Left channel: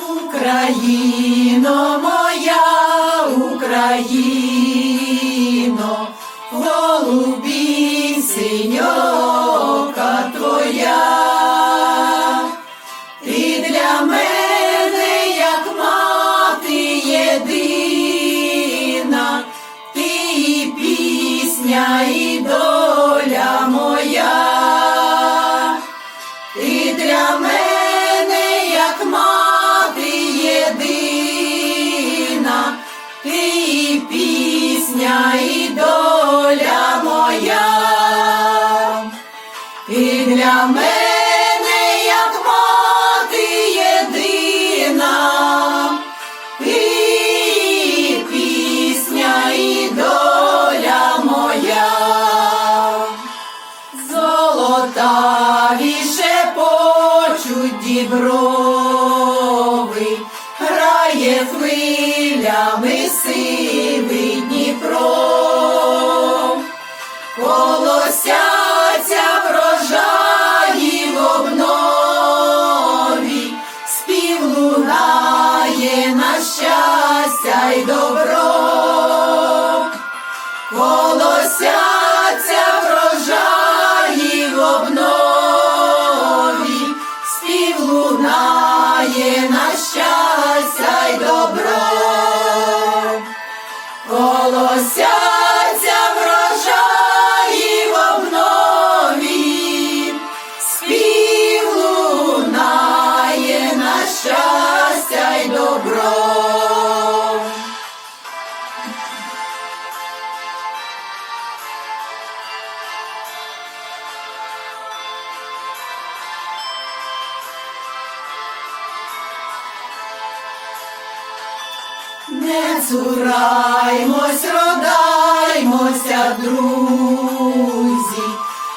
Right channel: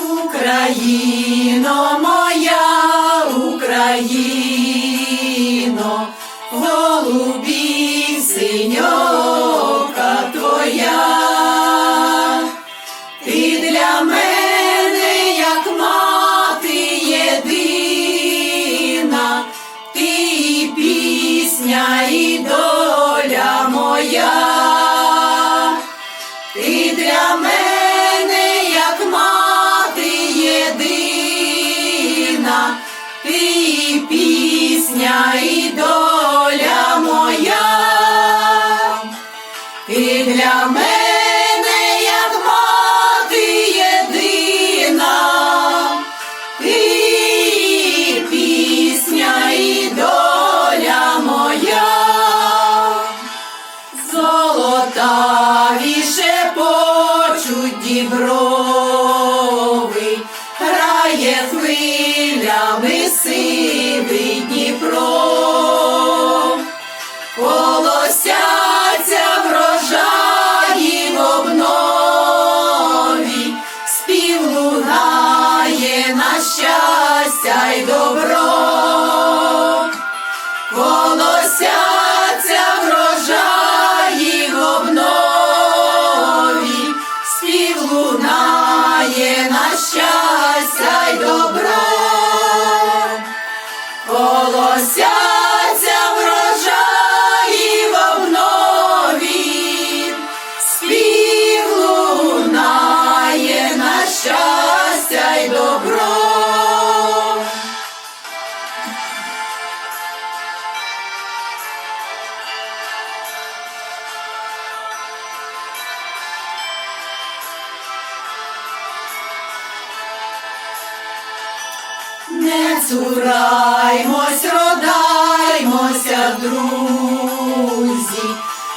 Україно, моя Україно, ти і пісня, доля моя, ти для мене, як мати єдина, і пісня, і доля моя. Золотаві шепочуть діброви, хвилями сивий Не цураймось, родаймося, друзі,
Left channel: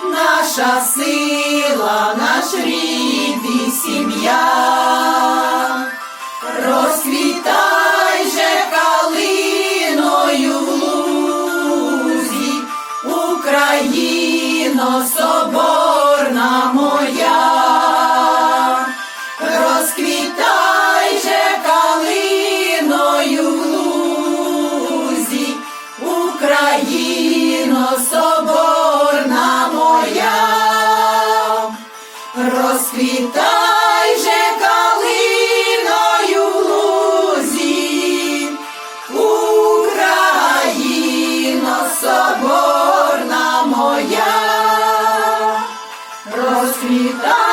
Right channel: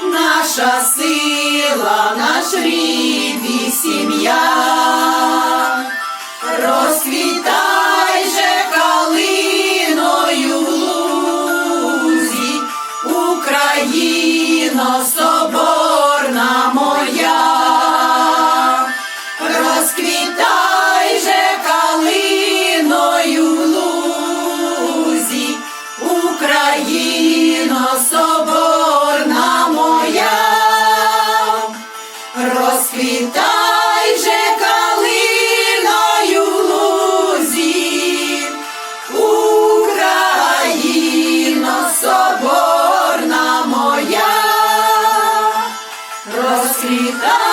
наша сила, наш рід і сім'я. Розквітай же калиною в лузі, Україно Розквітай же калиною в лузі, Україно соборна моя. Розквітай